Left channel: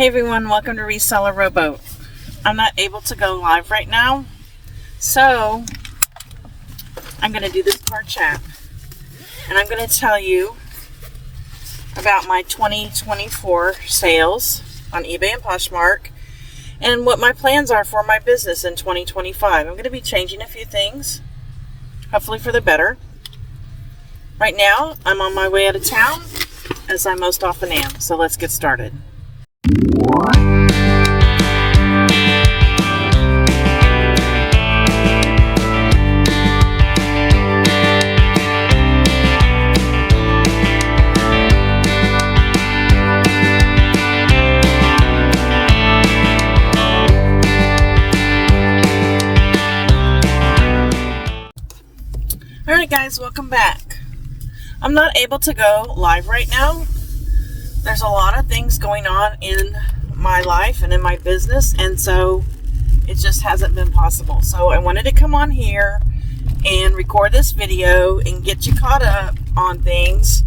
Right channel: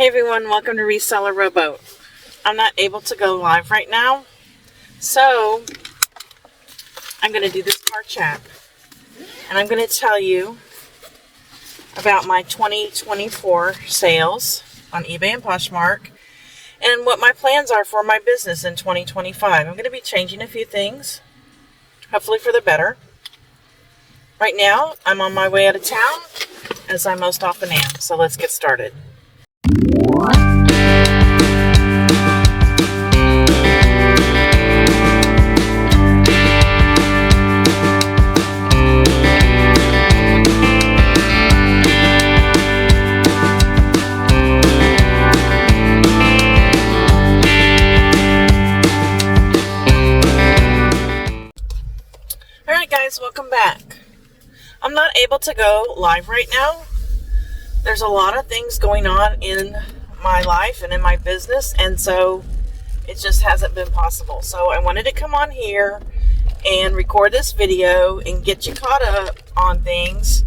Hey everyone, welcome to Reseller Rowboat. I'm not able to go live right now, so I'm going to do this car chat. And I'm going to tell you about my 2024 sales on eBay and Poshmark and what my plans are for my business in 2025. I'm going to be changing a few things, hopefully for the better. Right now, I'm on my way out of town, as I most often am, so let's get started. Alright guys, welcome back. I'm not able to go live right now. There's a lot of things going on in my life and in my business, and so it just hasn't been possible. So I wanted to come on here and record this video and get you caught up on things.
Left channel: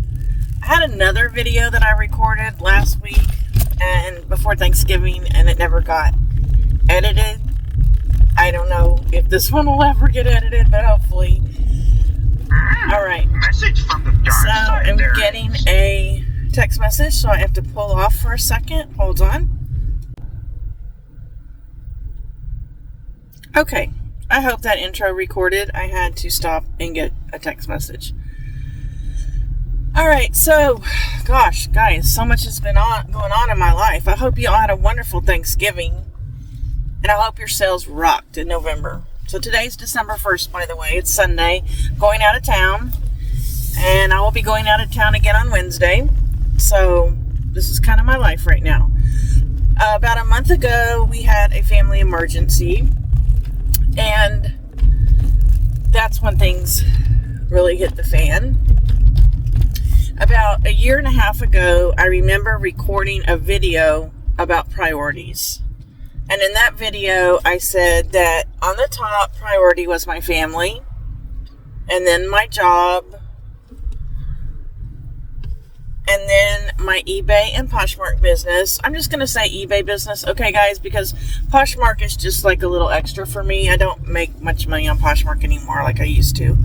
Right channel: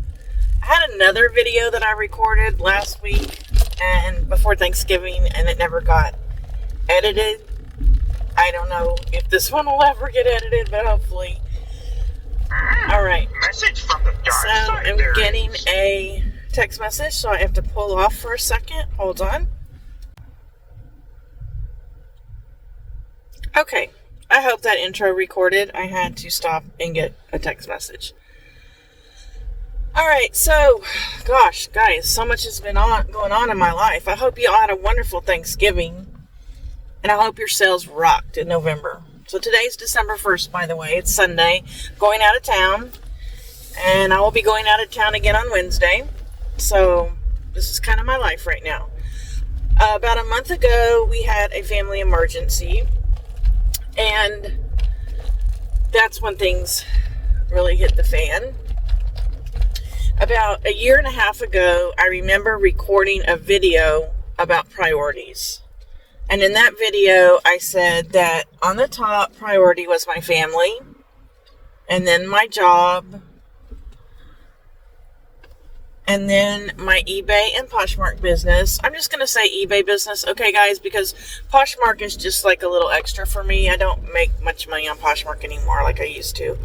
I had another video that I recorded last week and before Thanksgiving, and it never got edited. I don't know if this one will ever get edited, but hopefully. Alright, Message from the dark so side. I'm getting a text message, so I have to pull off for a second. Hold on. Okay, I hope that intro recorded. I had to stop and get a text message. Alright, so, gosh, guys, so much has been going on in my life. I hope you all had a wonderful Thanksgiving, and I hope your sales rocked in November. So today's December 1st, by the way. It's Sunday. Going out of town. And I will be going out of town again on Wednesday. So this is kind of my life right now. About a month ago, we had a family emergency. And that's when things really hit the fan. About a year and a half ago, I remember recording a video about priorities. And in that video, I said that on the top priority was my family, and then my job, and then my eBay and Poshmark business. I'm just going to say eBay business, okay, guys, because Poshmark is just like a little extra for me. I don't make much money on Poshmark anymore like I used to.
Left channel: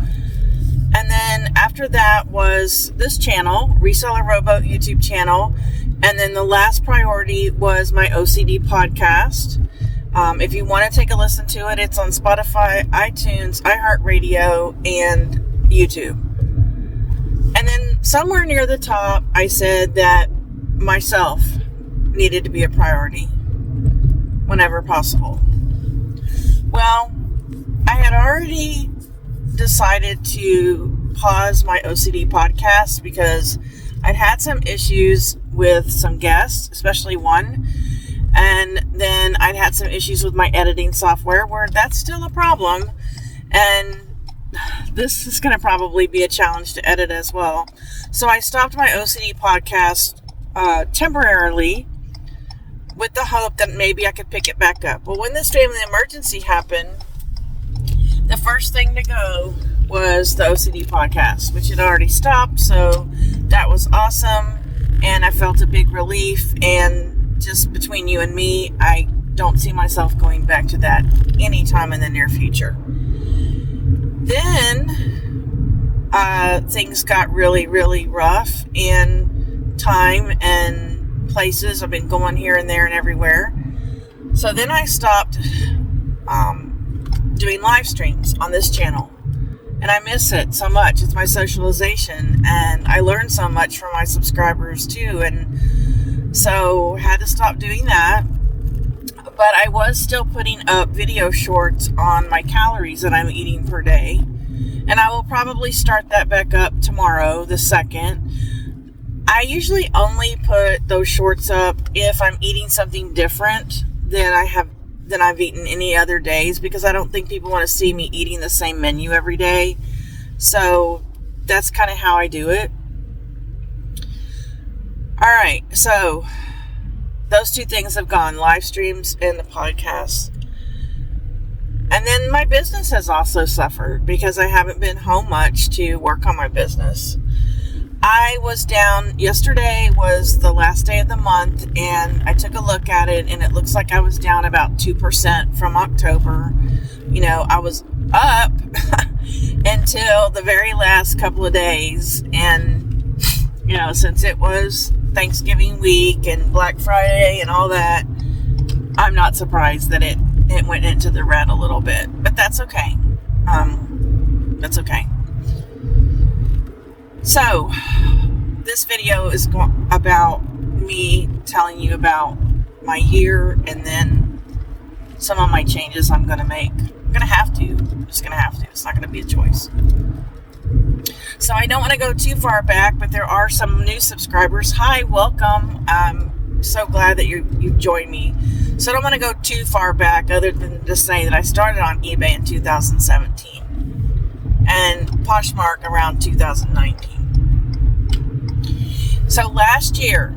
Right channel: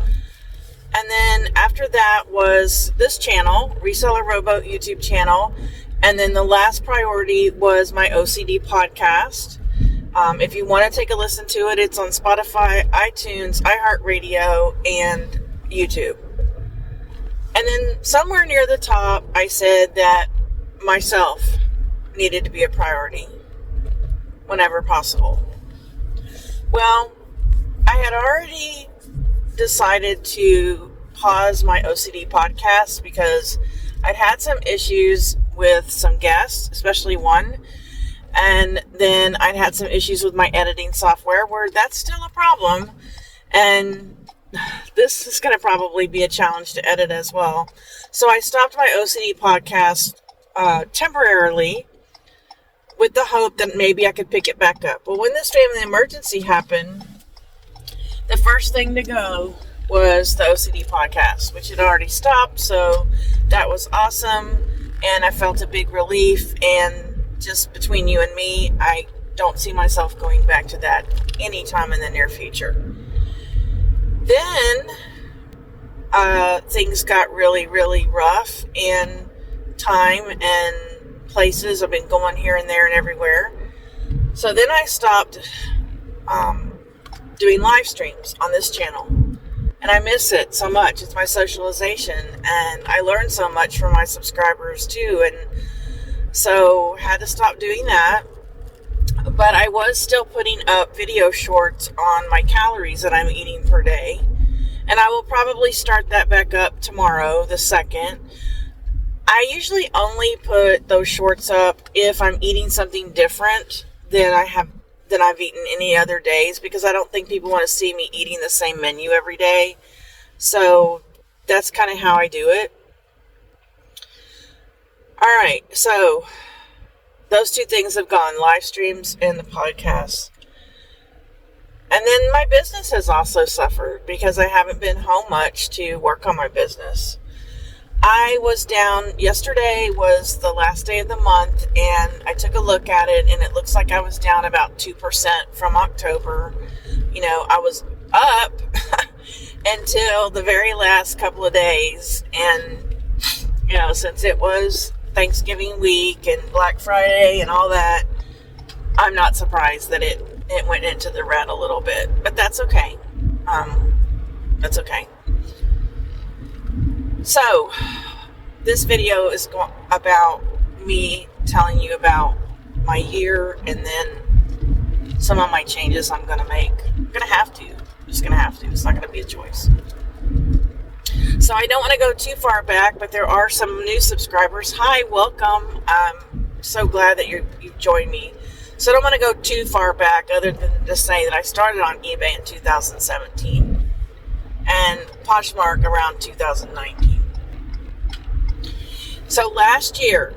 And then after that was this channel, Reseller Rowboat YouTube channel. And then the last priority was my OCD podcast. If you want to take a listen to it, it's on Spotify, iTunes, iHeartRadio, and YouTube. And then somewhere near the top, I said that myself needed to be a priority whenever possible. Well, I had already decided to pause my OCD podcast because I'd had some issues with some guests, especially one, and then I'd had some issues with my editing software where that's still a problem, and this is going to probably be a challenge to edit as well. So I stopped my OCD podcast temporarily with the hope that maybe I could pick it back up. Well, when this family emergency happened, the first thing to go was the OCD podcast, which had already stopped, so that was awesome. And I felt a big relief, and just between you and me, I don't see myself going back to that anytime in the near future. Then, things got really, really rough in time and places. I've been going here and there and everywhere. So then I stopped doing live streams on this channel. And I miss it so much. It's my socialization, and I learned so much from my subscribers too, and so had to stop doing that. But I was still putting up video shorts on my calories that I'm eating per day, and I will probably start that back up tomorrow, the 2nd. I usually only put those shorts up if I'm eating something different than I've eaten any other days, because I don't think people want to see me eating the same menu every day. So that's kind of how I do it. Alright, so those two things have gone, live streams and the podcast. And then my business has also suffered because I haven't been home much to work on my business. I was down, yesterday was the last day of the month, and I took a look at it, and it looks like I was down about 2% from October. You know, I was up until the very last couple of days, and, you know, since it was Thanksgiving week and Black Friday and all that, I'm not surprised that it went into the red a little bit, but that's okay. That's okay. So, this video is about me telling you about my year and then some of my changes I'm going to make. I'm going to have to. I'm just going to have to. It's not going to be a choice. So, I don't want to go too far back, but there are some new subscribers. Hi, welcome. I'm so glad that you've joined me. So, I don't want to go too far back other than to say that I started on eBay in 2017 and Poshmark around 2019. So last year,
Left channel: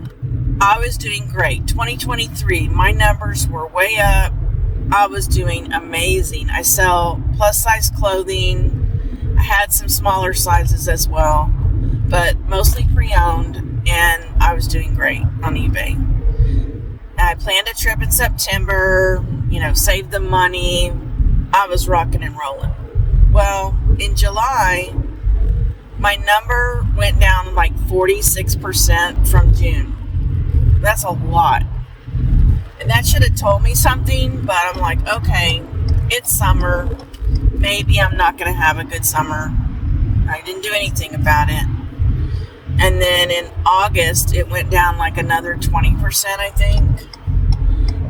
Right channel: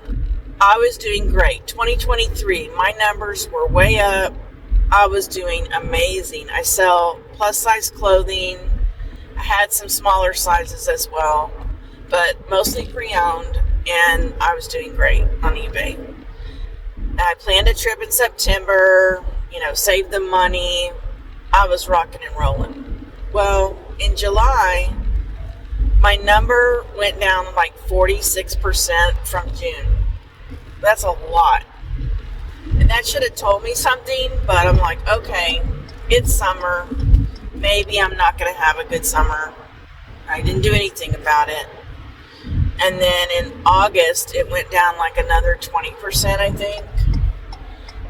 I was doing great. 2023, my numbers were way up. I was doing amazing. I sell plus size clothing. I had some smaller sizes as well, but mostly pre-owned, and I was doing great on eBay. I planned a trip in September, saved the money. I was rocking and rolling. Well, in July, my number went down like 46% from June. That's a lot. And that should have told me something, but I'm like, okay, it's summer. Maybe I'm not going to have a good summer. I didn't do anything about it. And then in August, it went down like another 20%, I think.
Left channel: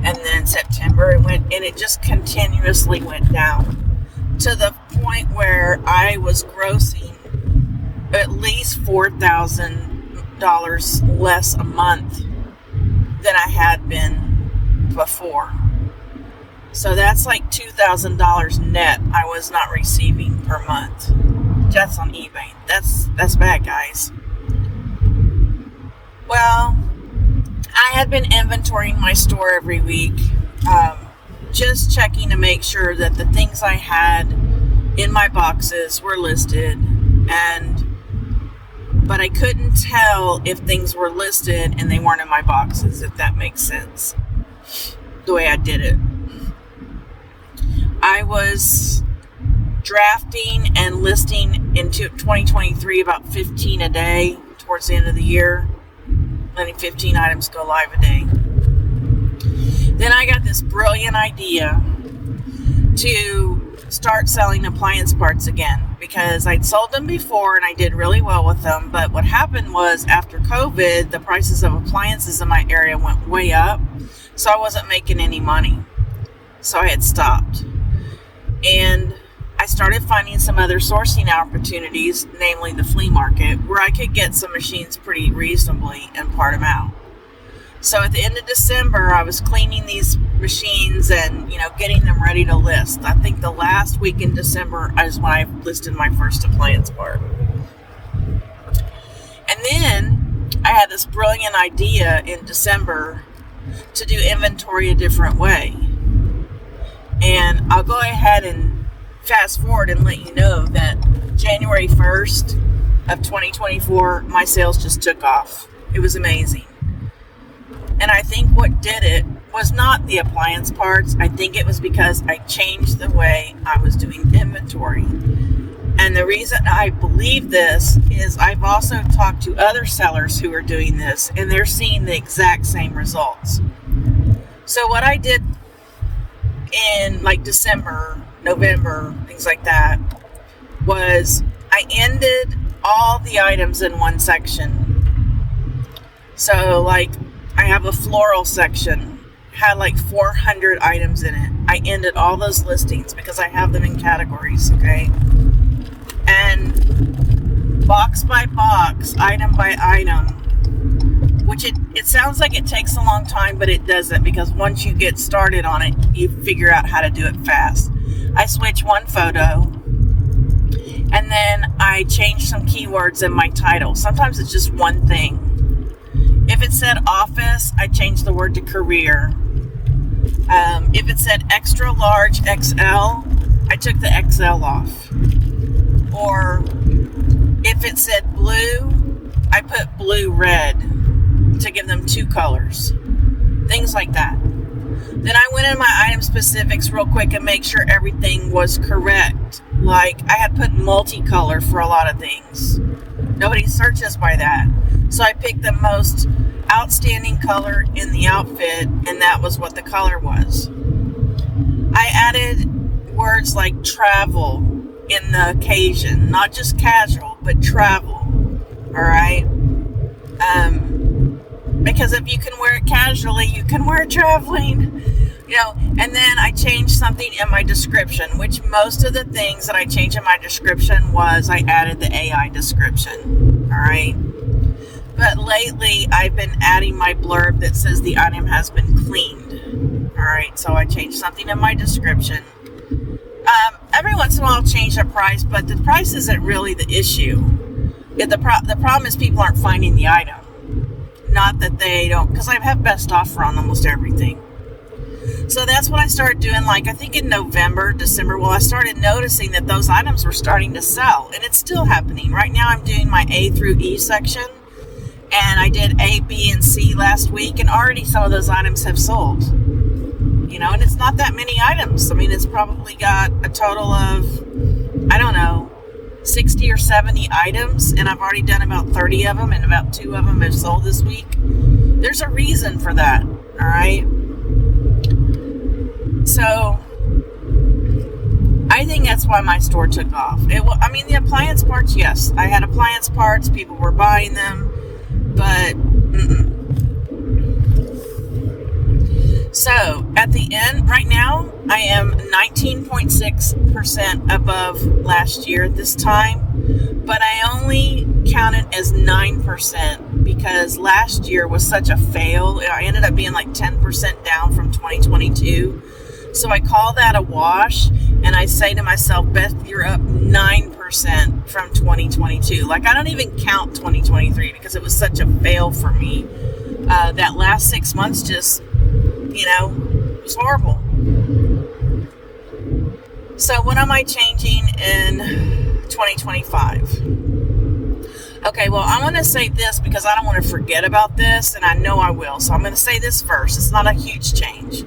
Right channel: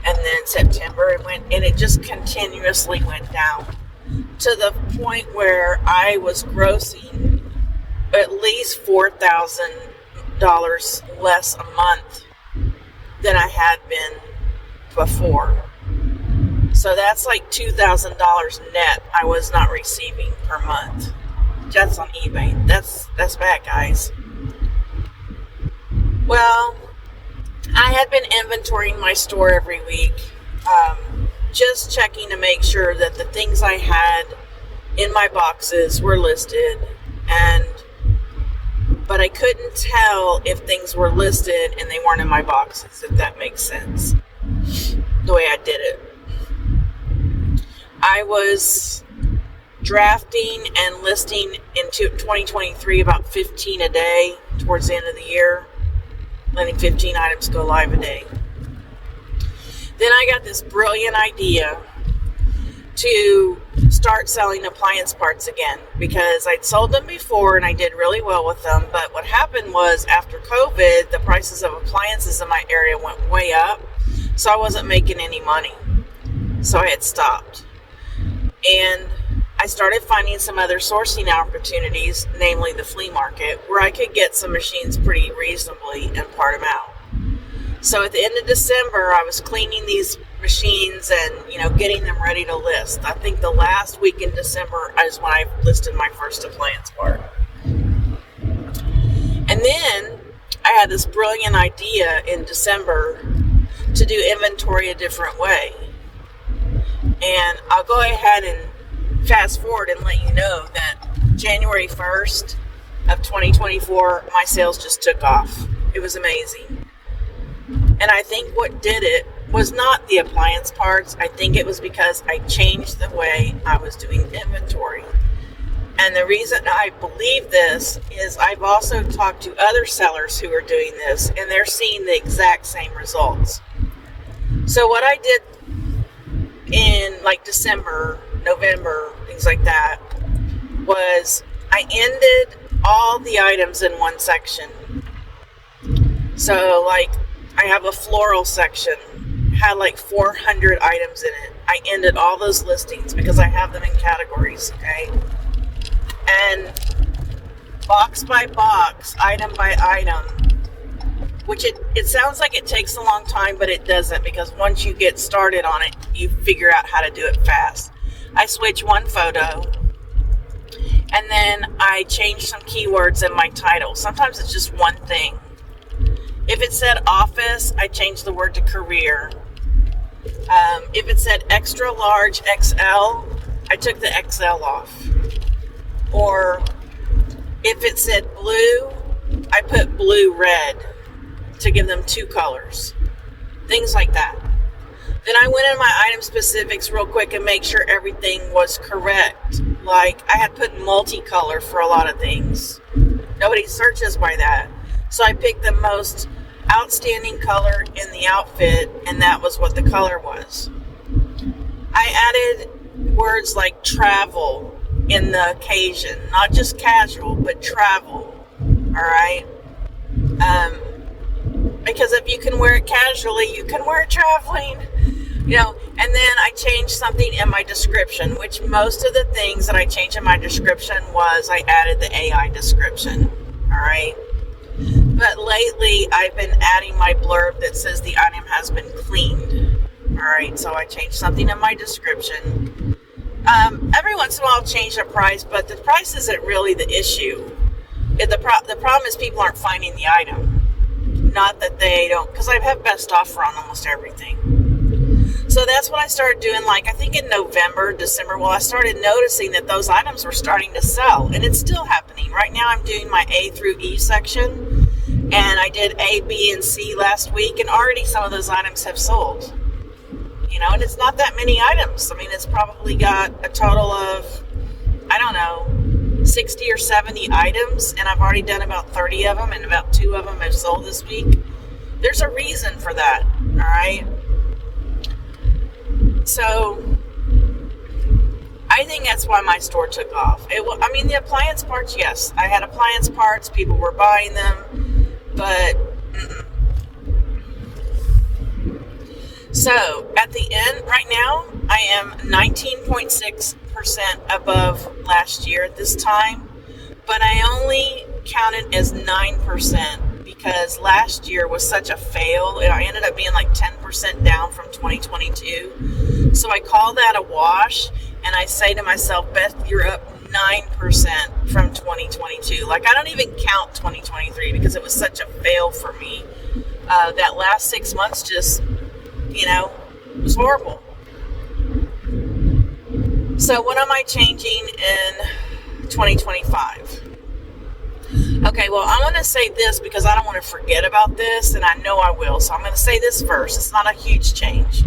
And then September, it just continuously went down to the point where I was grossing at least $4,000 less a month than I had been before. So that's like $2,000 net I was not receiving per month. That's on eBay. That's bad, guys. Well, I had been inventorying my store every week, just checking to make sure that the things I had in my boxes were listed, but I couldn't tell if things were listed and they weren't in my boxes, if that makes sense, the way I did it. I was drafting and listing into 2023 about 15 a day towards the end of the year, letting 15 items go live a day. Then I got this brilliant idea to start selling appliance parts again, because I'd sold them before and I did really well with them. But what happened was, after COVID, the prices of appliances in my area went way up, so I wasn't making any money. So I had stopped. And I started finding some other sourcing opportunities, namely the flea market, where I could get some machines pretty reasonably and part them out. So at the end of December, I was cleaning these machines and, getting them ready to list. I think the last week in December is when I listed my first appliance part. And then I had this brilliant idea in December to do inventory a different way. And I'll go ahead and fast forward and let you know that January 1st of 2024, my sales just took off. It was amazing. And I think what did it was not the appliance parts. I think it was because I changed the way I was doing inventory. And the reason I believe this is I've also talked to other sellers who are doing this, and they're seeing the exact same results. So what I did in like December, November, things like that, was I ended all the items in one section. So like I have a floral section, had like 400 items in it. I ended all those listings because I have them in categories, okay? And box by box, item by item, which it sounds like it takes a long time, but it doesn't, because once you get started on it, you figure out how to do it fast. I switch one photo, and then I change some keywords in my title. Sometimes it's just one thing. If it said office, I changed the word to career. If it said extra large XL, I took the XL off. Or if it said blue, I put blue, red to give them 2 colors. Things like that. Then I went in my item specifics real quick and make sure everything was correct. Like, I had put multicolor for a lot of things. Nobody searches by that. So I picked the most outstanding color in the outfit, and that was what the color was. I added words like travel in the occasion, not just casual, but travel. All right? Because if you can wear it casually, you can wear it traveling. You know, and then I changed something in my description, which most of the things that I changed in my description was I added the AI description. All right? But lately, I've been adding my blurb that says the item has been cleaned. All right, so I changed something in my description. Every once in a while, I'll change the price, but the price isn't really the issue. The problem is people aren't finding the item. Not that they don't, because I have best offer on almost everything. So that's what I started doing, like, I think in November, December, well, I started noticing that those items were starting to sell, and it's still happening. Right now, I'm doing my A through E section, and I did A, B, and C last week, and already some of those items have sold. You know, and it's not that many items. I mean, it's probably got a total of, I don't know, 60 or 70 items, and I've already done about 30 of them, and about 2 of them have sold this week. There's a reason for that, all right? So, I think that's why my store took off. The appliance parts, yes. I had appliance parts, people were buying them, but So, at the end, right now, I am 19.6% above last year at this time, but I only count it as 9% because last year was such a fail. I ended up being like 10% down from 2022. So I call that a wash, and I say to myself, Beth, you're up 9% from 2022. Like, I don't even count 2023 because it was such a fail for me. That last 6 months just, it was horrible. So what am I changing in 2025? Okay, well, I'm going to say this because I don't want to forget about this, and I know I will. So I'm going to say this first. It's not a huge change.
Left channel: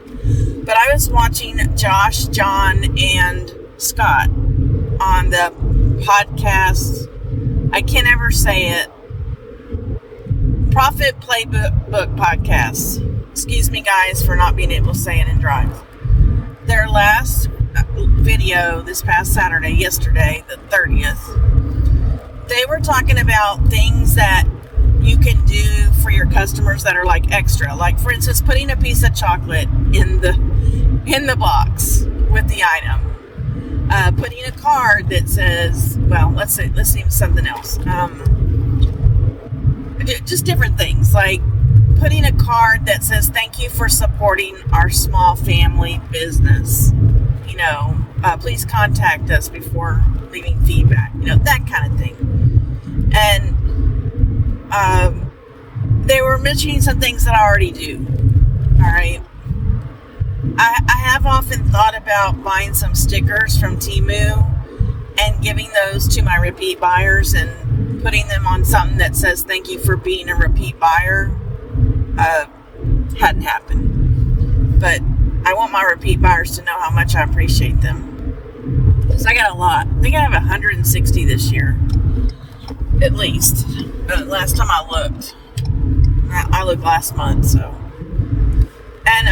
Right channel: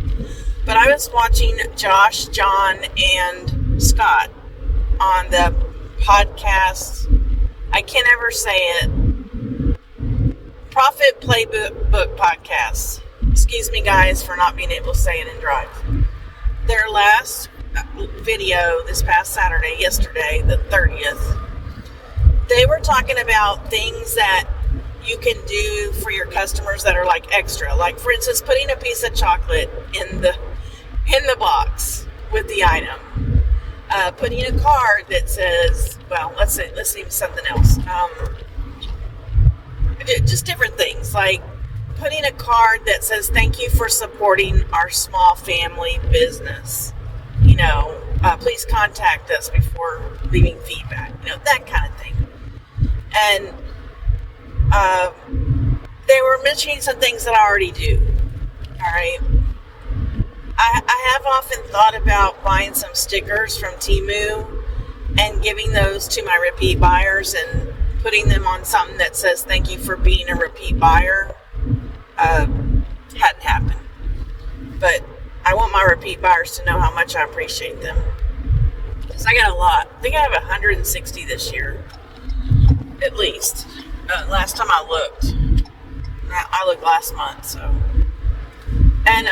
But I was watching Josh, John, and Scott on the podcast. I can't ever say it. Profit Playbook Podcast. Excuse me, guys, for not being able to say it and drive. Their last video this past Saturday, yesterday, the 30th, they were talking about things that you can do for your customers that are like extra. Like, for instance, putting a piece of chocolate in the box with the item. Putting a card that says, well, let's see something else. Just different things, like putting a card that says, thank you for supporting our small family business. Please contact us before leaving feedback. That kind of thing. And they were mentioning some things that I already do. All right. I have often thought about buying some stickers from Temu and giving those to my repeat buyers and putting them on something that says, thank you for being a repeat buyer. Hadn't happened. But I want my repeat buyers to know how much I appreciate them. Because I got a lot. I think I have 160 this year. At least. Last time I looked. I looked last month, so. And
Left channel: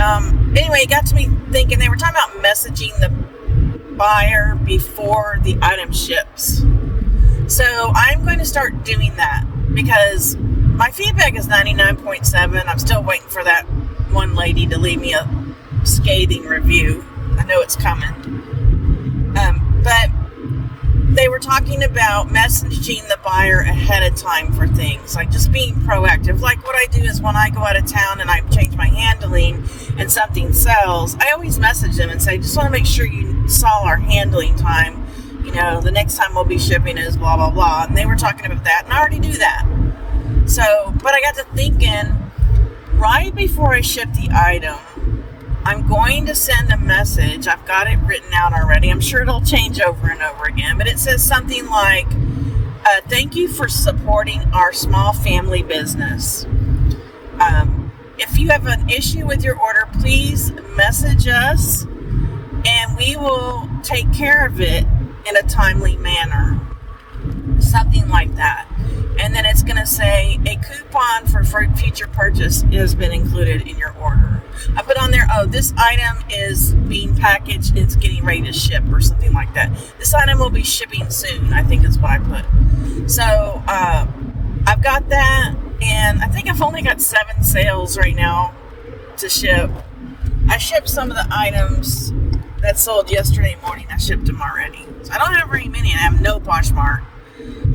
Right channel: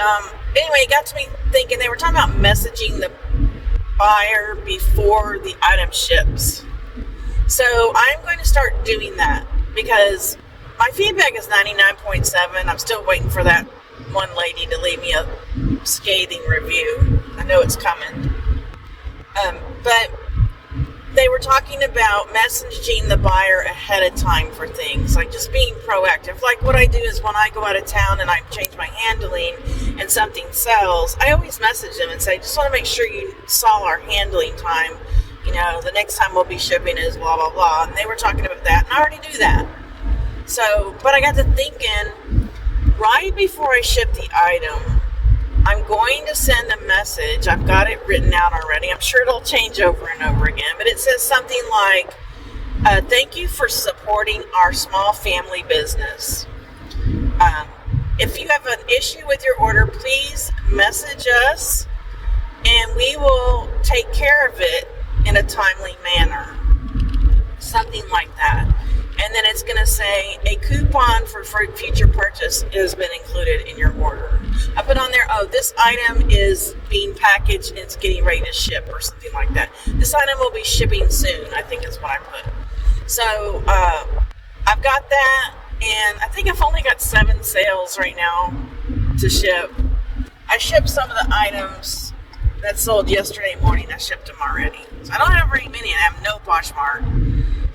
anyway, it got to me thinking, they were talking about messaging the buyer before the item ships. So I'm going to start doing that because my feedback is 99.7. I'm still waiting for that one lady to leave me a scathing review. I know it's coming. But they were talking about messaging the buyer ahead of time for things, like just being proactive. Like what I do is when I go out of town and I change my handling and something sells, I always message them and say, just want to make sure you saw our handling time. The next time we'll be shipping is blah, blah, blah. And they were talking about that, and I already do that. So, but I got to thinking, right before I ship the item, I'm going to send a message. I've got it written out already. I'm sure it'll change over and over again, but it says something like, Thank you for supporting our small family business. If you have an issue with your order, please message us and we will take care of it in a timely manner. Something like that. And then it's going to say a coupon for future purchase has been included in your order. I put on there, this item is being packaged and it's getting ready to ship or something like that. This item will be shipping soon, I think is what I put. So I've got that, and I think I've only got 7 sales right now to ship. I shipped some of the items that sold yesterday morning. I shipped them already. So I don't have very many. I have no Poshmark.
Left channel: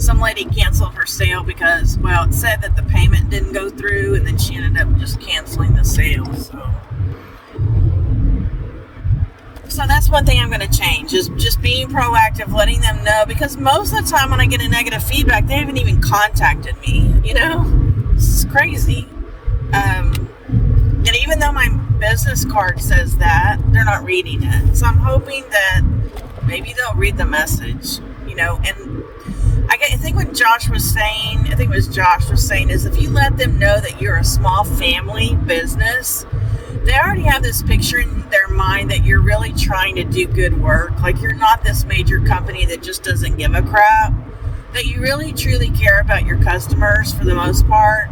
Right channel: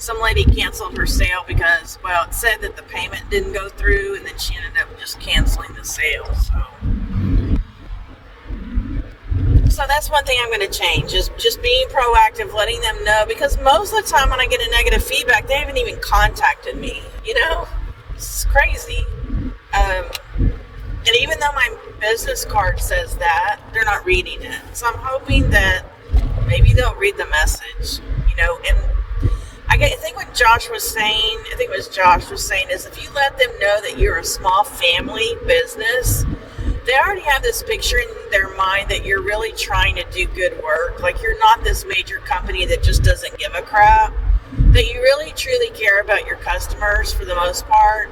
Some lady canceled her sale because, it said that the payment didn't go through, and then she ended up just canceling the sale. So that's one thing I'm going to change, is just being proactive, letting them know, because most of the time when I get a negative feedback, they haven't even contacted me, It's crazy. And even though my business card says that, they're not reading it. So I'm hoping that maybe they'll read the message, and I think what Josh was saying, is if you let them know that you're a small family business, they already have this picture in their mind that you're really trying to do good work. Like, you're not this major company that just doesn't give a crap, that you really truly care about your customers for the most part,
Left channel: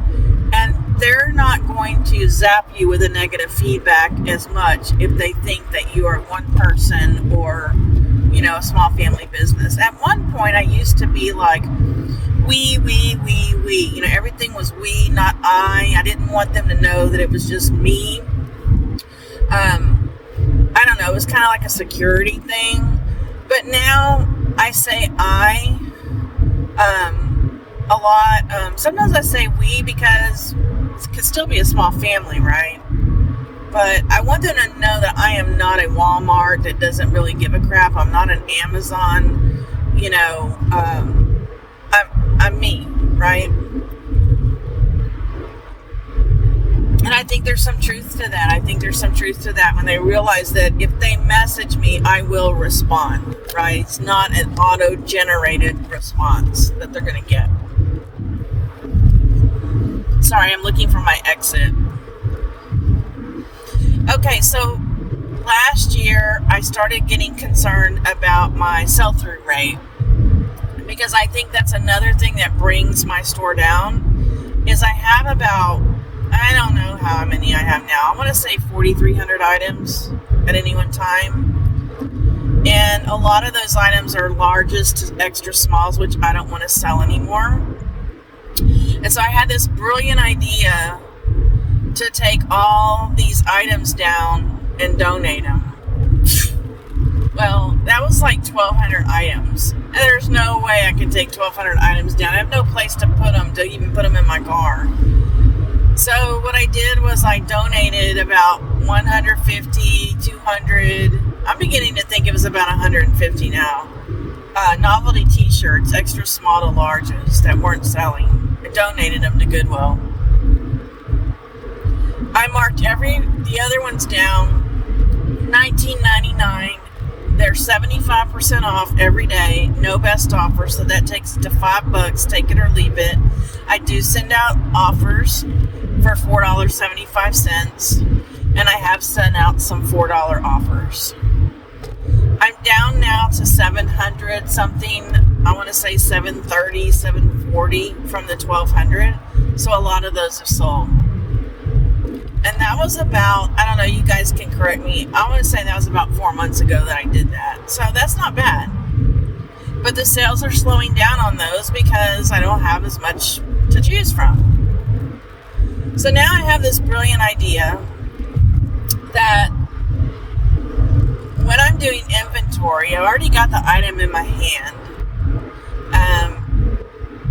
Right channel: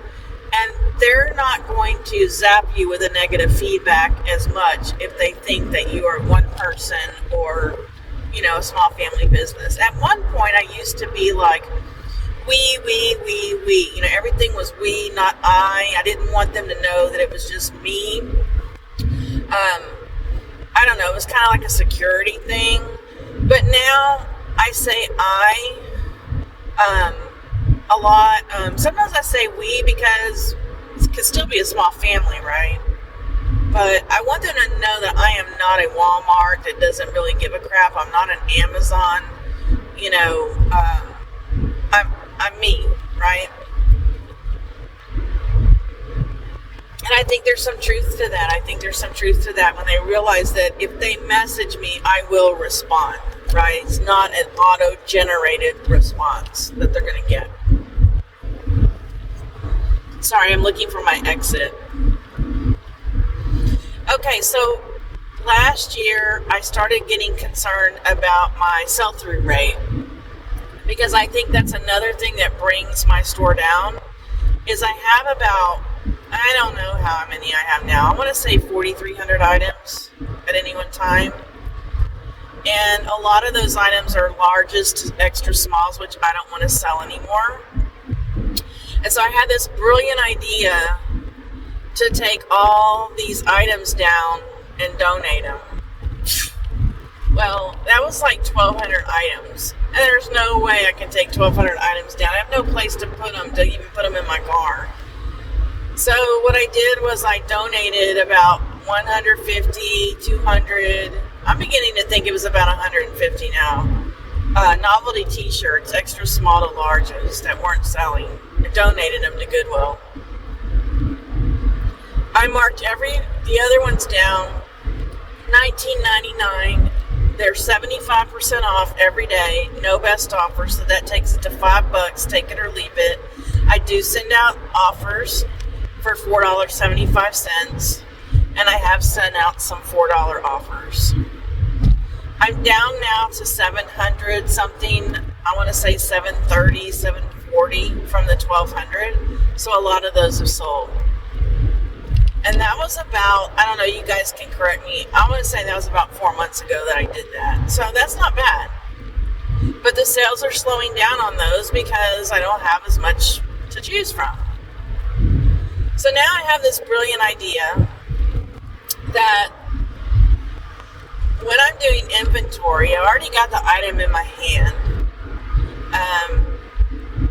and they're not going to zap you with a negative feedback as much if they think that you are one person or, a small family business. At one point, I used to be like, we, everything was we, not I. I didn't want them to know that it was just me. I don't know, it was kind of like a security thing, but now I say I, a lot. Sometimes I say we because it could still be a small family, right? But I want them to know that I am not a Walmart that doesn't really give a crap. I'm not an Amazon, I'm me, right? And I think there's some truth to that. When they realize that if they message me, I will respond, right? It's not an auto-generated response that they're going to get. Sorry, I'm looking for my exit. Okay, so last year I started getting concerned about my sell-through rate, because I think that's another thing that brings my store down, is I have about, I don't know how many I have now. I want to say 4,300 items at any one time. And a lot of those items are larges to extra smalls, which I don't want to sell anymore. And so I had this brilliant idea to take all these items down and donate them. Well, that was like 1,200 items. And there's no way I can take 1,200 items down. I have no place to put them, to even put them in my car. So what I did was I donated about 150, 200. I'm beginning to think it was about 150 now. Novelty t-shirts, extra small to larges that weren't selling. I donated them to Goodwill. I marked the other ones down, $19.99. They're 75% off every day, no best offer, so that takes it to $5, take it or leave it. I do send out offers for $4.75, and I have sent out some $4 offers. I'm down now to 700 something. I want to say 730, 740 from the 1,200. So a lot of those have sold. And that was about, I don't know, you guys can correct me. I want to say that was about 4 months ago that I did that. So that's not bad. But the sales are slowing down on those because I don't have as much to choose from. So now I have this brilliant idea that when I'm doing inventory, I've already got the item in my hand.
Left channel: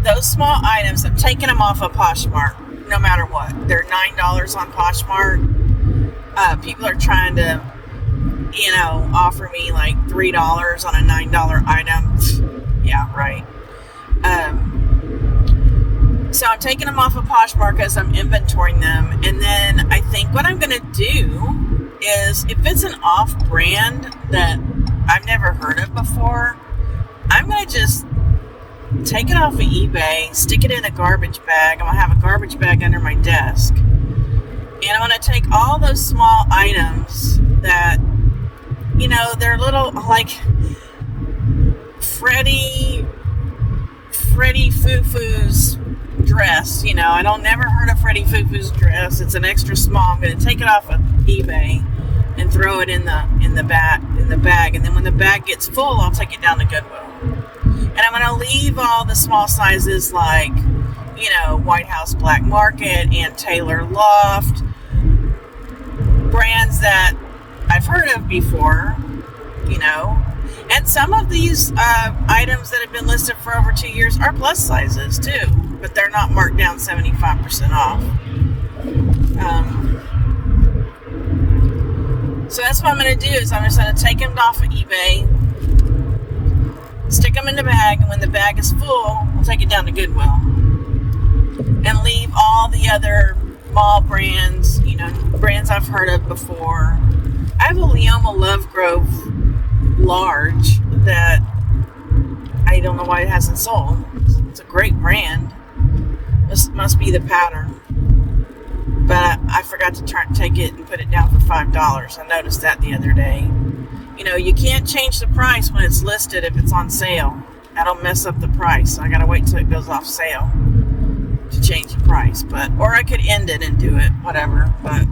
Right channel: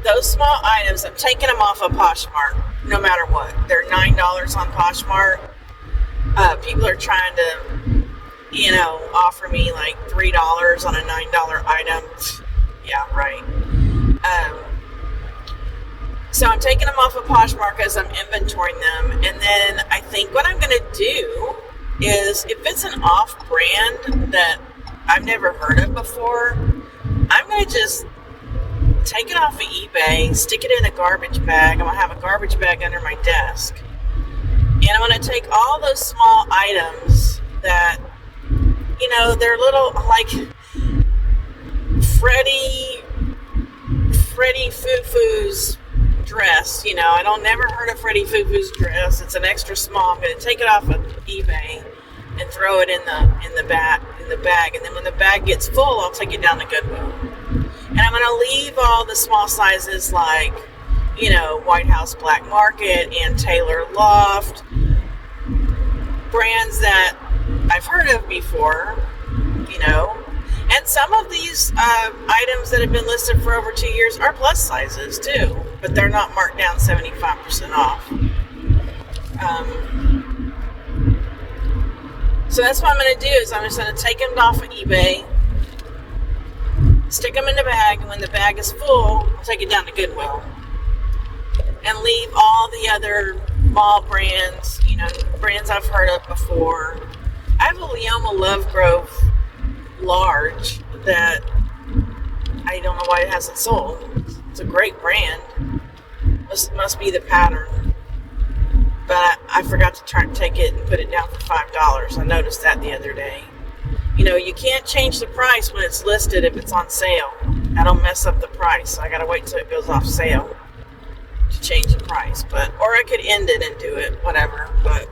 Those small items, I'm taking them off of Poshmark, no matter what. They're $9 on Poshmark. People are trying to, offer me like $3 on a $9 item. Yeah, right. So I'm taking them off of Poshmark as I'm inventorying them. And then I think what I'm going to do is, if it's an off-brand that I've never heard of before, I'm going to just take it off of eBay, stick it in a garbage bag. I'm going to have a garbage bag under my desk. And I'm going to take all those small items that, you know, they're little, like Freddie Foo-Foo's dress. You know, I don't never heard of Freddie Foo-Foo's dress. It's an extra small. I'm going to take it off of eBay and throw it in the bag. And then when the bag gets full, I'll take it down to Goodwill. And I'm going to leave all the small sizes like, you know, White House Black Market and Taylor Loft, brands that I've heard of before, you know. And some of these items that have been listed for over 2 years are plus sizes too, but they're not marked down 75% off. So that's what I'm going to do is I'm just going to take them off of eBay, stick them in the bag, and when the bag is full, I'll take it down to Goodwill and leave all the other mall brands, you know, brands I've heard of before. I have a Leoma Lovegrove large that I don't know why it hasn't sold. It's a great brand. This must be the pattern. But I forgot to take it and put it down for $5. I noticed that the other day. You know, you can't change the price when it's listed if it's on sale. That'll mess up the price. So I gotta wait till it goes off sale to change the price. Or I could end it and do it, whatever. But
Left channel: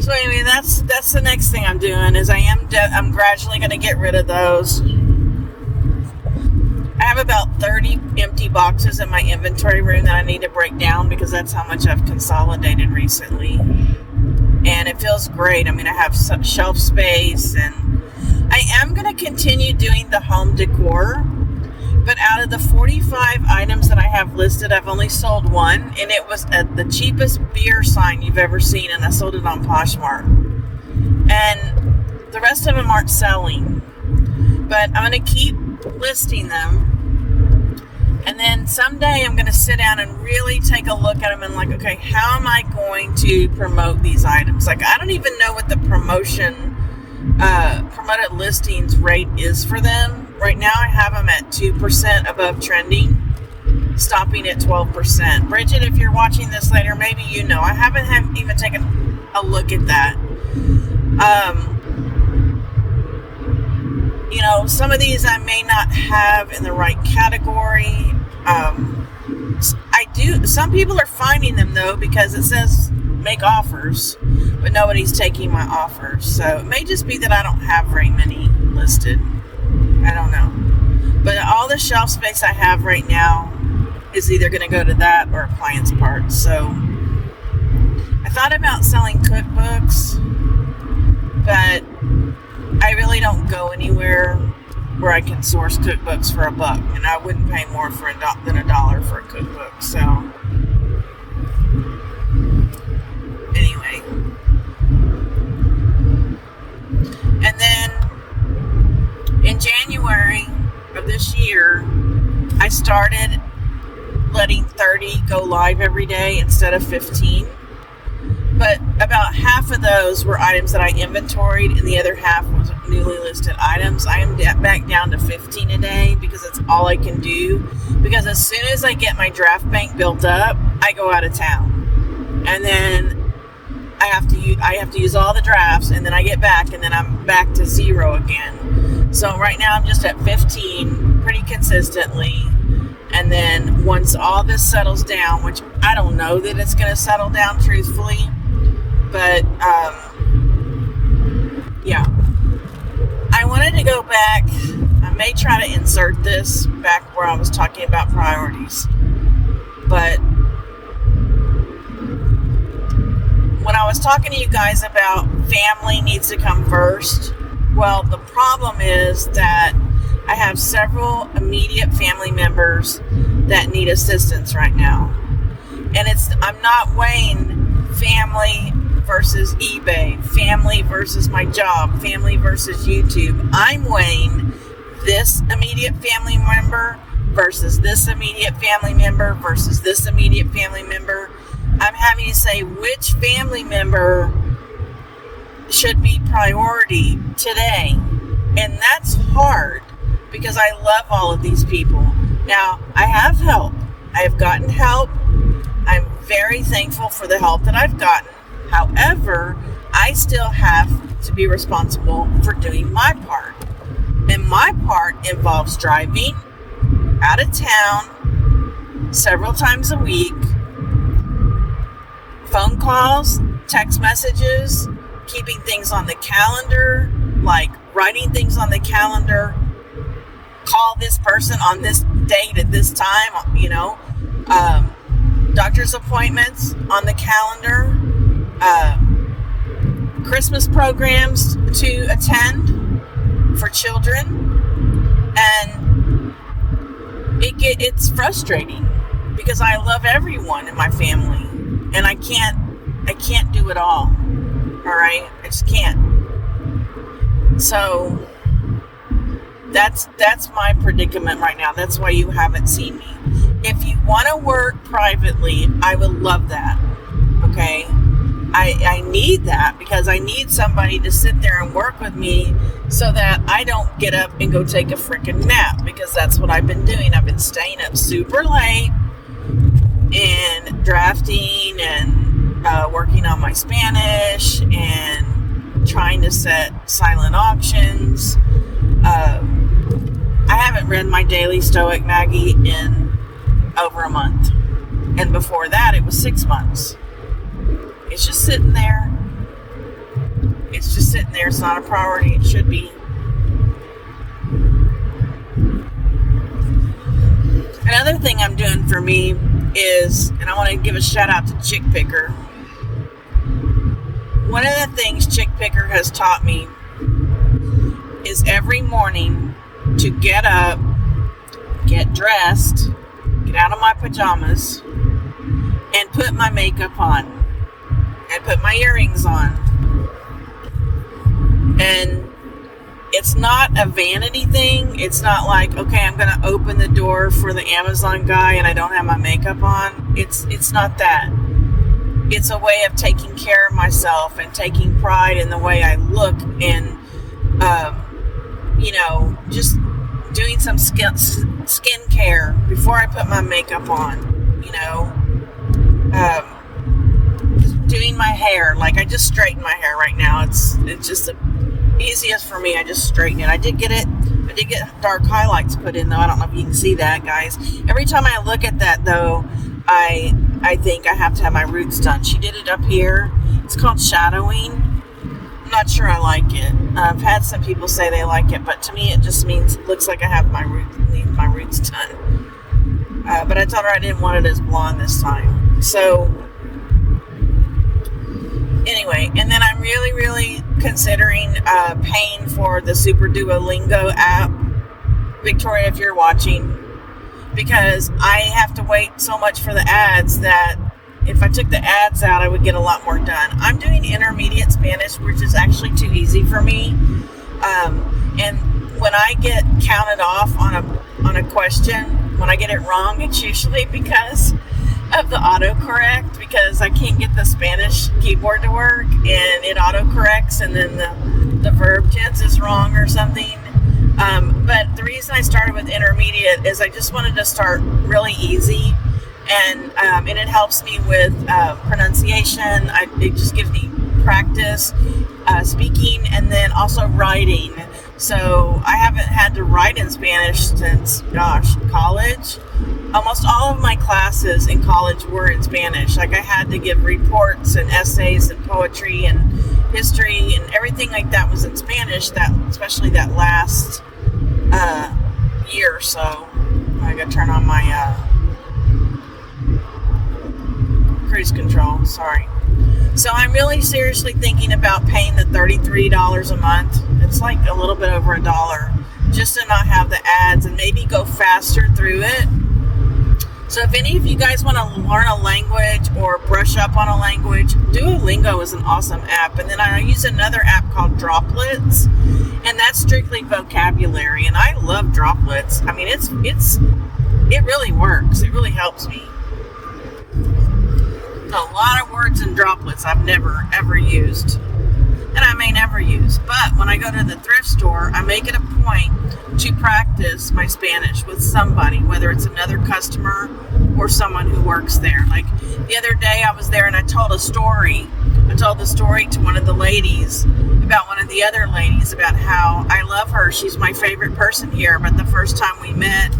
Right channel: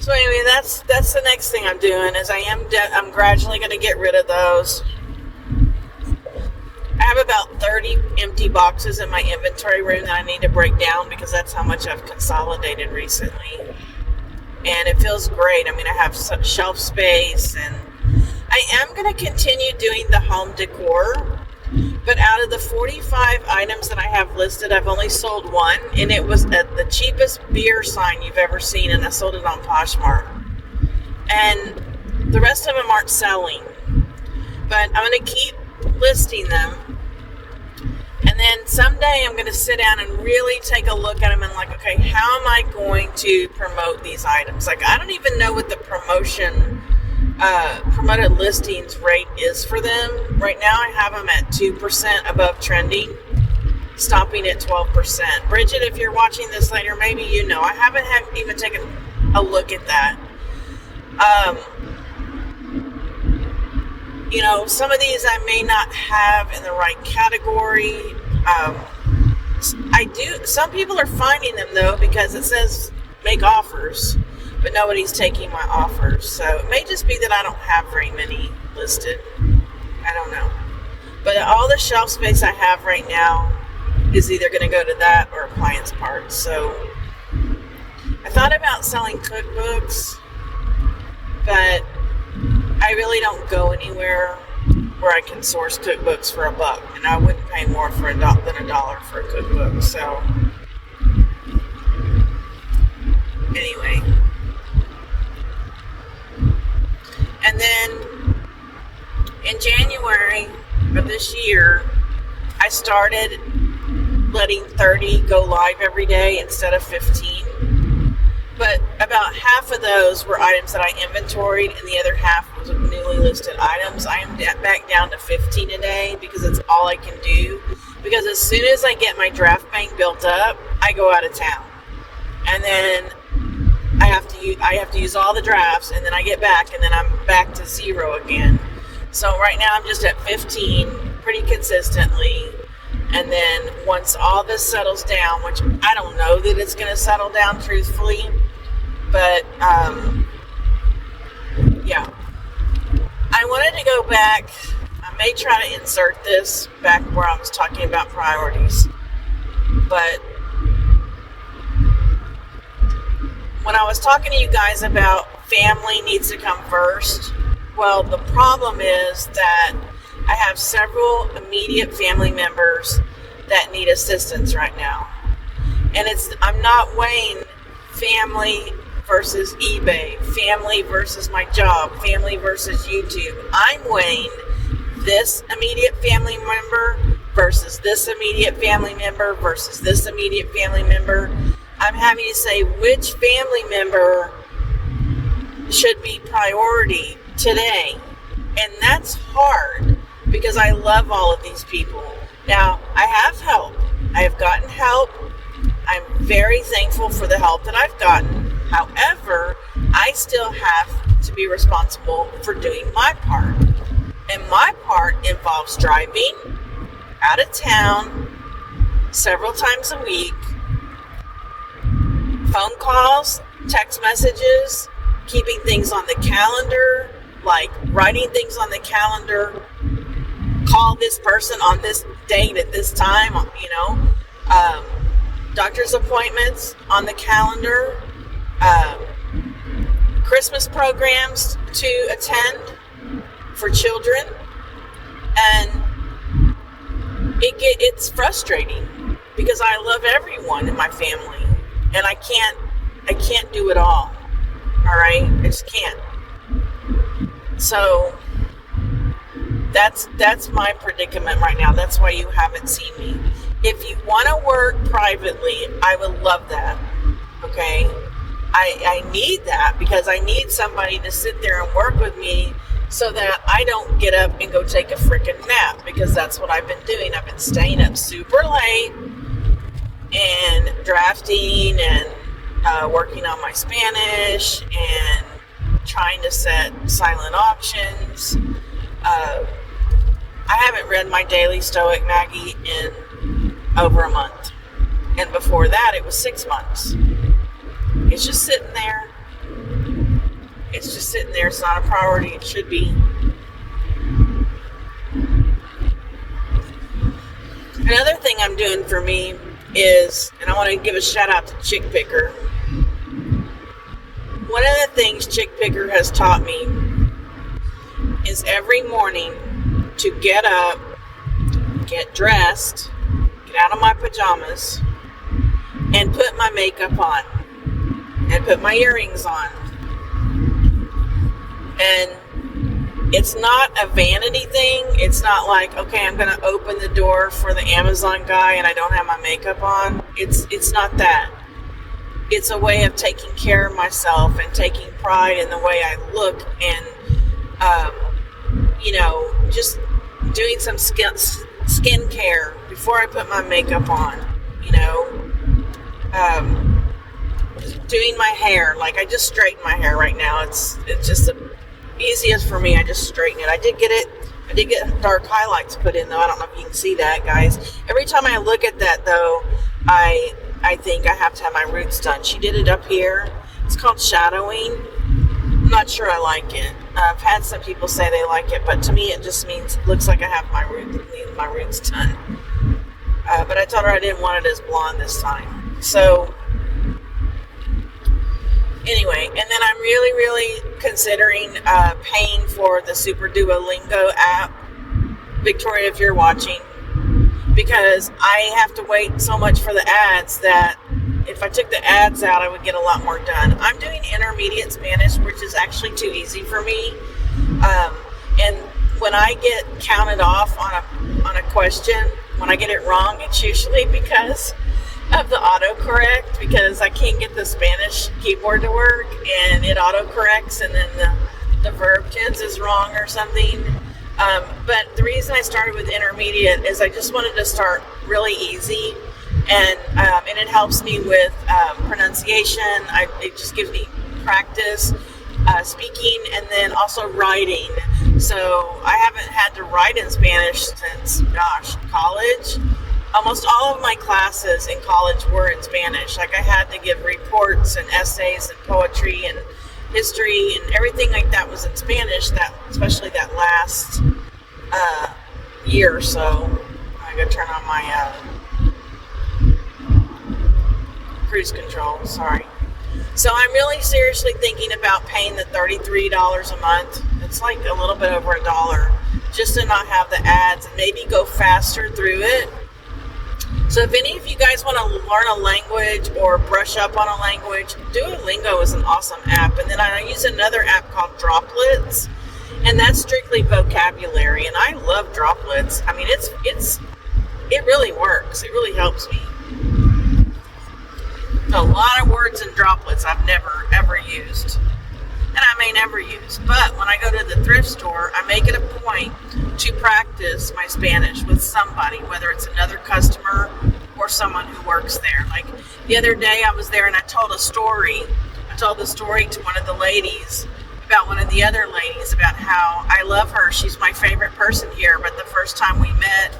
so anyway, that's the next thing I'm doing is I'm gradually gonna get rid of those. I have about 30 empty boxes in my inventory room that I need to break down because that's how much I've consolidated recently. And it feels great. I mean, I have some shelf space, and I am going to continue doing the home decor. But out of the 45 items that I have listed, I've only sold one, and it was at the cheapest beer sign you've ever seen, and I sold it on Poshmark. And the rest of them aren't selling. But I'm going to keep listing them. And then someday I'm going to sit down and really take a look at them and like, okay, how am I going to promote these items? Like, I don't even know what the promoted listings rate is for them. Right now I have them at 2% above trending, stopping at 12%. Bridget, if you're watching this later, maybe you know. I haven't even taken a look at that. You know, some of these I may not have in the right category. Some people are finding them though because it says make offers, but nobody's taking my offers. So it may just be that I don't have very many listed. I don't know. But all the shelf space I have right now is either going to go to that or appliance parts. So I thought about selling cookbooks, but I really don't go anywhere where I can source cookbooks for $1, and I wouldn't pay more than $1 for a cookbook. So anyway, and then in January of this year, I started letting 30 go live every day instead of 15. But about half of those were items that I inventoried, and the other half was newly listed items. I am back down to 15 a day because it's all I can do. Because as soon as I get my draft bank built up, I go out of town, and then I have to use all the drafts, and then I get back, and then I'm back to 0 again. So right now I'm just at 15 pretty consistently. And then once all this settles down, which I don't know that it's going to settle down truthfully, but yeah, I wanted to go back. I may try to insert this back where I was talking about priorities, but when I was talking to you guys about family needs to come first, well, the problem is that I have several immediate family members that need assistance right now. And I'm not weighing family versus eBay, family versus my job, family versus YouTube. I'm weighing this immediate family member versus this immediate family member versus this immediate family member. I'm having to say which family member should be priority today. And that's hard because I love all of these people. Now, I have help. I have gotten help. I'm very thankful for the help that I've gotten. However, I still have to be responsible for doing my part. And my part involves driving out of town several times a week, phone calls, text messages, keeping things on the calendar, like writing things on the calendar, call this person on this date at this time, doctor's appointments on the calendar, Christmas programs to attend for children, and it's frustrating because I love everyone in my family, and I can't do it all. All right, I just can't. So that's my predicament right now. That's why you haven't seen me. If you want to work privately, I would love that. Okay, I need that because I need somebody to sit there and work with me so that I don't get up and go take a freaking nap, because that's what I've been doing. I've been staying up super late and drafting and working on my Spanish and trying to set silent auctions. I haven't read my daily Stoic Maggie in over a month. And before that, it was 6 months. It's just sitting there. It's just sitting there. It's not a priority. It should be. Another thing I'm doing for me is, and I want to give a shout out to Chick Picker. One of the things Chick Picker has taught me is every morning to get up, get dressed, get out of my pajamas, and put my makeup on, and put my earrings on. And it's not a vanity thing. It's not like, okay, I'm going to open the door for the Amazon guy and I don't have my makeup on. It's not that. It's a way of taking care of myself and taking pride in the way I look, and, just doing some skin care before I put my makeup on, doing my hair. Like, I just straighten my hair right now. It's just the easiest for me. I just straighten it. I did get dark highlights put in, though. I don't know if you can see that, guys. Every time I look at that, though, I think I have to have my roots done. She did it up here. It's called shadowing. I'm not sure I like it. I've had some people say they like it, but to me it just looks like I have my roots done. But I told her I didn't want it as blonde this time. So anyway, and then I'm really, really considering paying for the Super Duolingo app. Victoria, if you're watching, because I have to wait so much for the ads that if I took the ads out, I would get a lot more done. I'm doing intermediate Spanish, which is actually too easy for me. And when I get counted off on a question, when I get it wrong, it's usually because of the autocorrect, because I can't get the Spanish keyboard to work and it autocorrects, and then the verb tense is wrong or something. But the reason I started with intermediate is I just wanted to start really easy, and it helps me with pronunciation. It just gives me practice speaking, and then also writing. So I haven't had to write in Spanish since, college. Almost all of my classes in college were in Spanish. Like, I had to give reports and essays and poetry and history and everything like that was in Spanish, especially that last year or so. I gotta turn on my cruise control, sorry. So I'm really seriously thinking about paying the $33 a month. It's like a little bit over $1, just to not have the ads and maybe go faster through it. So if any of you guys want to learn a language or brush up on a language, Duolingo is an awesome app. And then I use another app called Droplets, and that's strictly vocabulary. And I love Droplets. I mean, it really works. It really helps me. A lot of words in Droplets I've never ever used, and I may never use. But when I go to the thrift store, I make it a point to practice my Spanish with somebody, whether it's another customer or someone who works there. Like the other day I was there and I told a story. I told the story to one of the ladies about one of the other ladies about how I love her. She's my favorite person here, but the first time we met,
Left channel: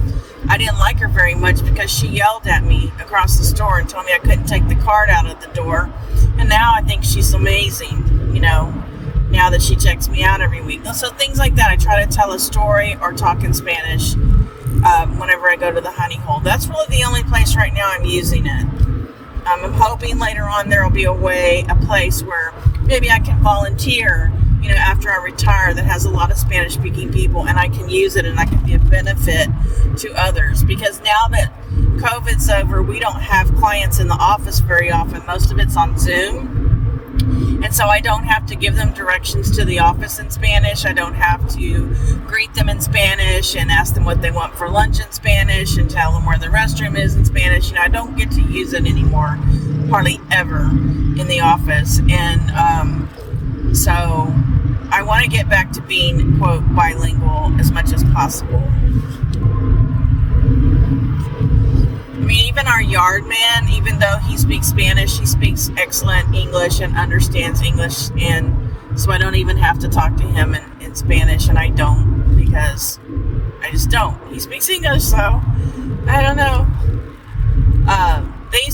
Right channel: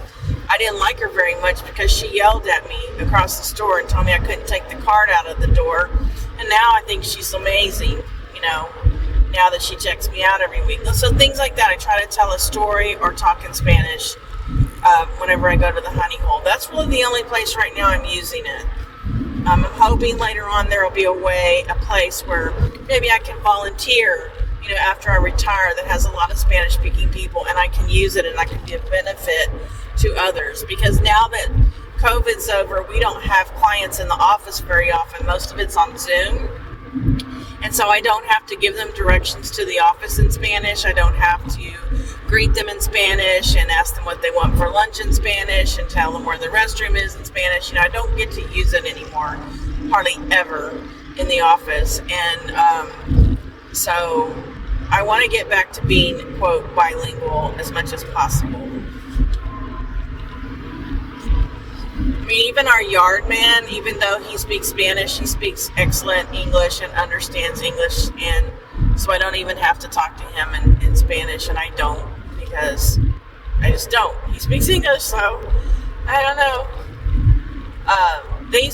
I didn't like her very much because she yelled at me across the store and told me I couldn't take the cart out of the door. And now I think she's amazing, now that she checks me out every week. So things like that, I try to tell a story or talk in Spanish whenever I go to the honey hole. That's really the only place right now I'm using it. I'm hoping later on there will be a place where maybe I can volunteer, after I retire, that has a lot of Spanish speaking people, and I can use it and I can be a benefit to others. Because now that COVID's over, we don't have clients in the office very often. Most of it's on Zoom. And so I don't have to give them directions to the office in Spanish. I don't have to greet them in Spanish and ask them what they want for lunch in Spanish and tell them where the restroom is in Spanish. I don't get to use it anymore, hardly ever, in the office. And so I want to get back to being, quote, bilingual as much as possible. I mean, even our yard man, even though he speaks Spanish, he speaks excellent English and understands English. And so I don't even have to talk to him in Spanish, and I don't, because I just don't. He speaks English, so I don't know.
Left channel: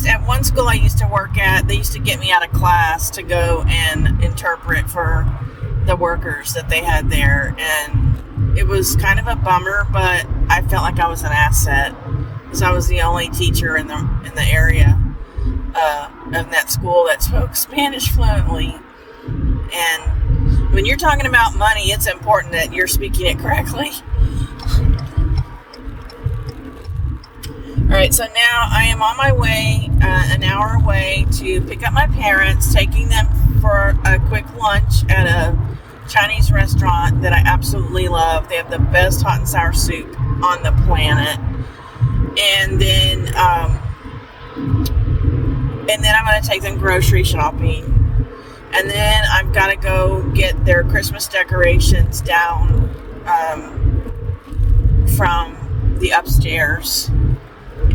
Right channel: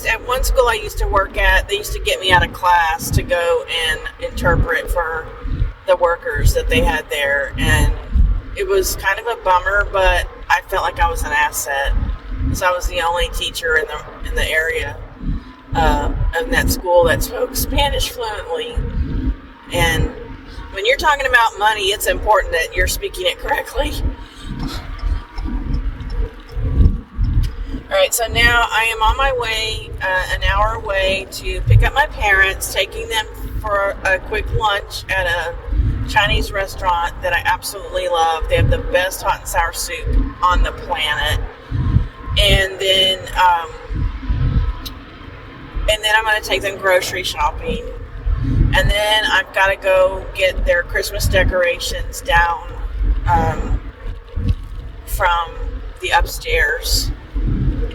At one school I used to work at, they used to get me out of class to go and interpret for the workers that they had there, and it was kind of a bummer, but I felt like I was an asset because I was the only teacher in the area of that school that spoke Spanish fluently. And when you're talking about money, it's important that you're speaking it correctly. All right, so now I am on my way, an hour away, to pick up my parents, taking them for a quick lunch at a Chinese restaurant that I absolutely love. They have the best hot and sour soup on the planet. And then I'm going to take them grocery shopping. And then I've got to go get their Christmas decorations down from the upstairs.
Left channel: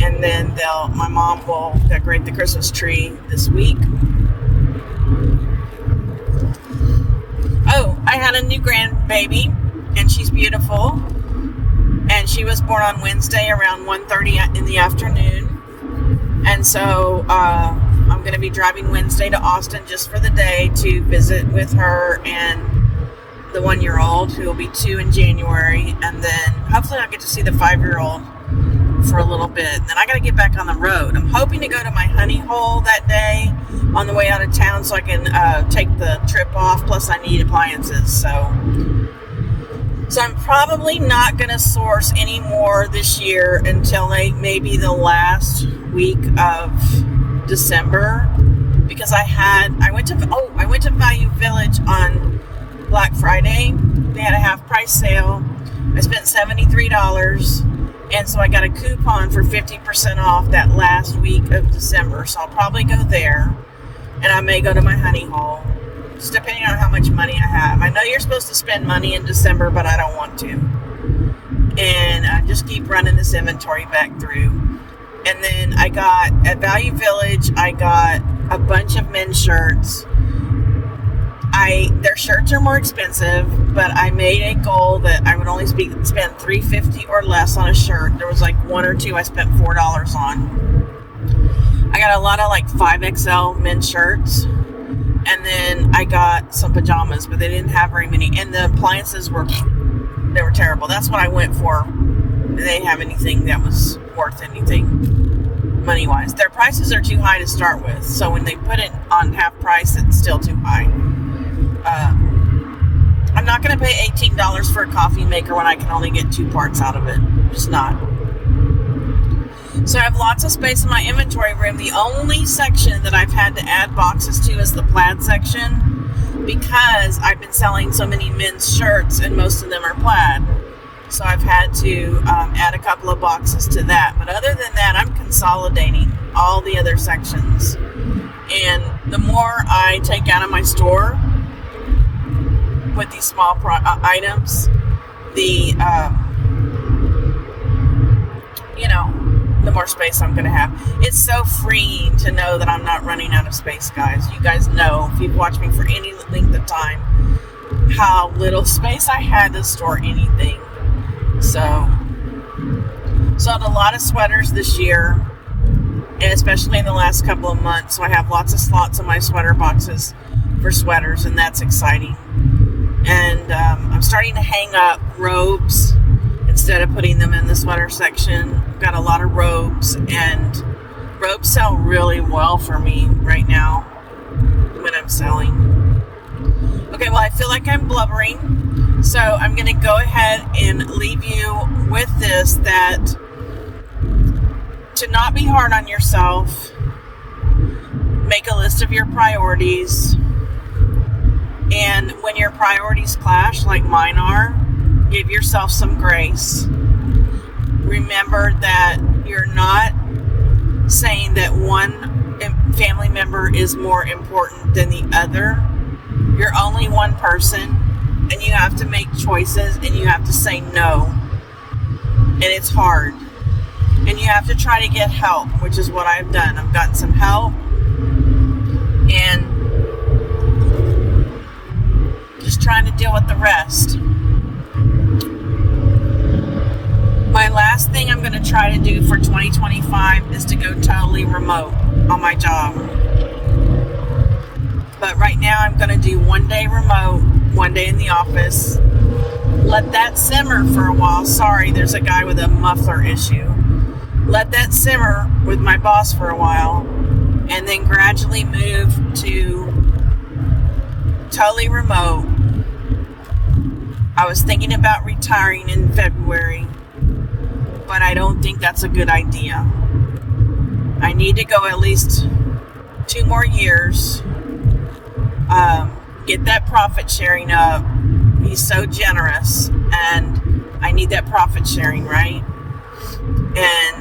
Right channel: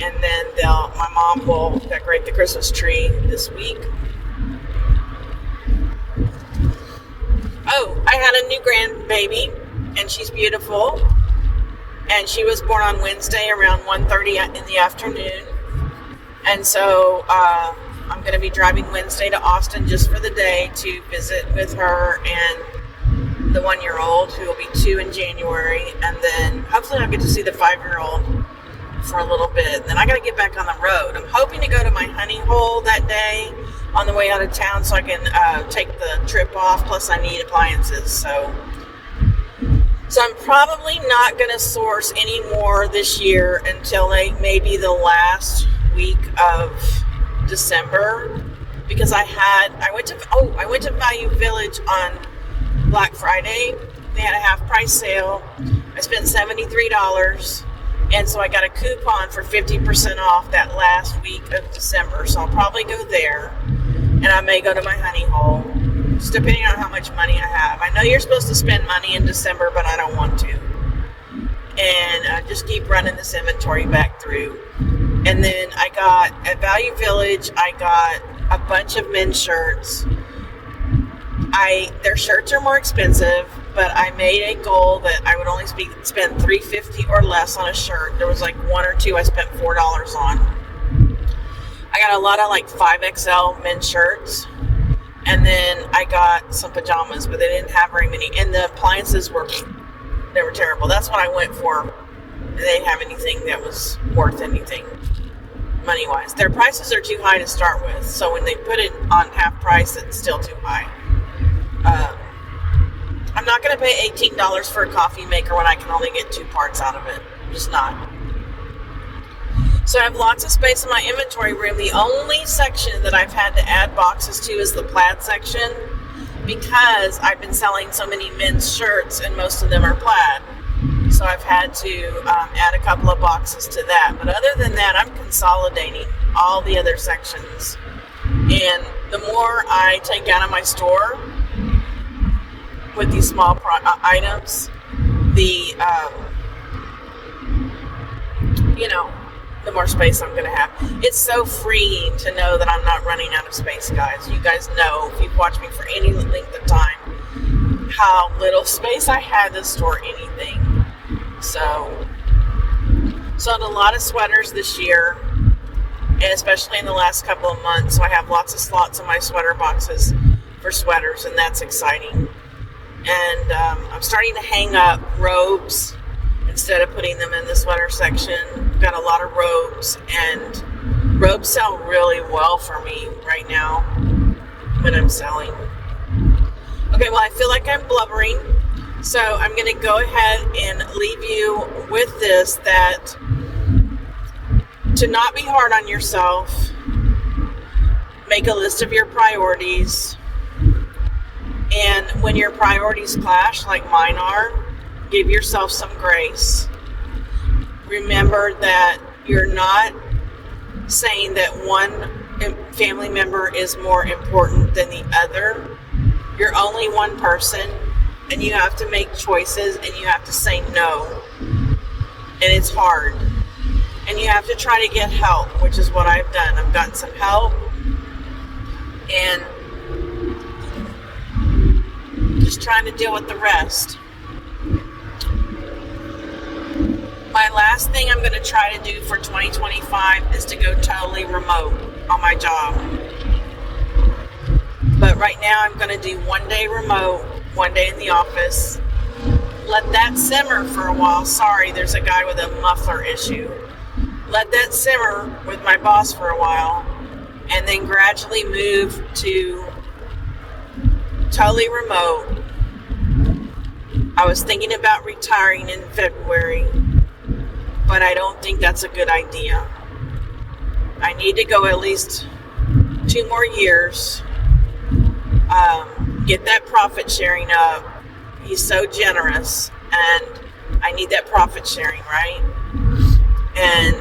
And then my mom will decorate the Christmas tree this week. Oh, I had a new grandbaby, and she's beautiful. And she was born on Wednesday around 1:30 in the afternoon. And so I'm going to be driving Wednesday to Austin just for the day to visit with her and the 1-year-old, who will be 2 in January. And then hopefully I'll get to see the 5-year-old for a little bit. Then I got to get back on the road. I'm hoping to go to my honey hole that day on the way out of town so I can take the trip off. Plus I need appliances. So I'm probably not going to source any more this year until maybe the last week of December, because I went to Value Village on Black Friday. They had a half price sale. I spent $73, and so I got a coupon for 50% off that last week of December. So I'll probably go there, and I may go to my honey hole, just depending on how much money I have. I know you're supposed to spend money in December, but I don't want to. And just keep running this inventory back through. And then at Value Village, I got a bunch of men's shirts. Their shirts are more expensive, but I made a goal that I would only spend $3.50 or less on a shirt. There was like 1 or 2 I spent $4 on. I got a lot of like 5XL men's shirts. And then I got some pajamas, but they didn't have very many. And the appliances were terrible. That's what I went for. They didn't have anything that was worth anything money-wise. Their prices are too high to start with. So when they put it on half price, it's still too high. I'm not going to pay $18 for a coffee maker when I can only get 2 parts out of it. Just not. So I have lots of space in my inventory room. The only section that I've had to add boxes to is the plaid section, because I've been selling so many men's shirts and most of them are plaid. So I've had to add a couple of boxes to that. But other than that, I'm consolidating all the other sections. And the more I take out of my store with these small items, the you know, the more space I'm going to have. It's so freeing to know that I'm not running out of space, guys. You guys know, if you've watched me for any length of time, how little space I had to store anything. So, sold a lot of sweaters this year, and especially in the last couple of months. So I have lots of slots in my sweater boxes for sweaters, and that's exciting. And I'm starting to hang up robes instead of putting them in the sweater section. Got a lot of robes, and robes sell really well for me right now when I'm selling. Okay, well, I feel like I'm blubbering, so I'm going to go ahead and leave you with this, that to not be hard on yourself, make a list of your priorities, and when your priorities clash, like mine are, give yourself some grace. Remember that you're not saying that one family member is more important than the other. You're only one person, and you have to make choices, and you have to say no. And it's hard. And you have to try to get help, which is what I've done. I've gotten some help, and just trying to deal with the rest. My last thing I'm going to try to do for 2025 is to go totally remote on my job. But right now I'm going to do 1 day remote, 1 day in the office. Let that simmer for a while. Sorry, there's a guy with a muffler issue. Let that simmer with my boss for a while, and then gradually move to totally remote. I was thinking about retiring in February, but I don't think that's a good idea. I need to go at least 2 more years. Get that profit sharing up. He's so generous, and I need that profit sharing, right? And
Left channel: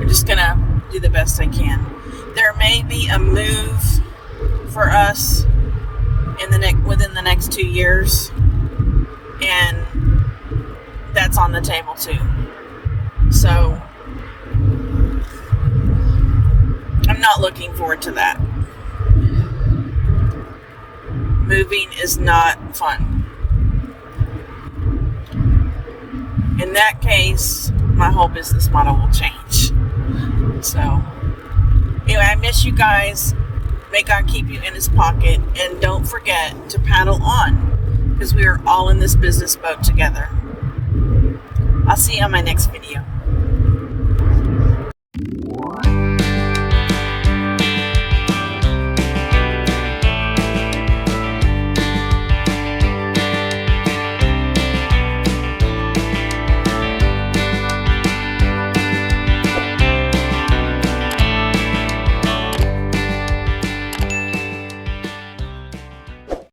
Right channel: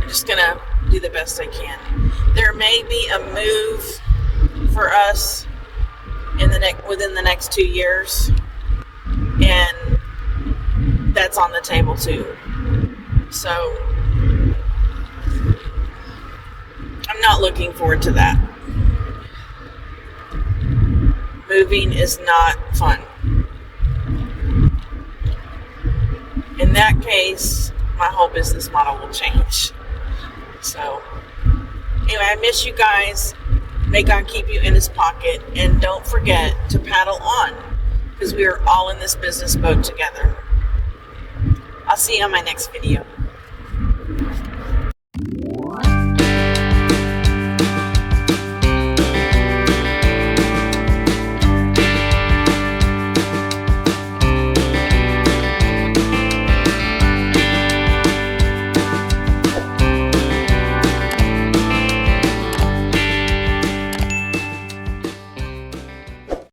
I'm just gonna do the best I can. There may be a move for us within the next 2 years, and that's on the table too. So I'm not looking forward to that. Moving is not fun. In that case, my whole business model will change. So anyway, I miss you guys. May God keep you in his pocket, and don't forget to paddle on, because we are all in this business boat together. I'll see you on my next video.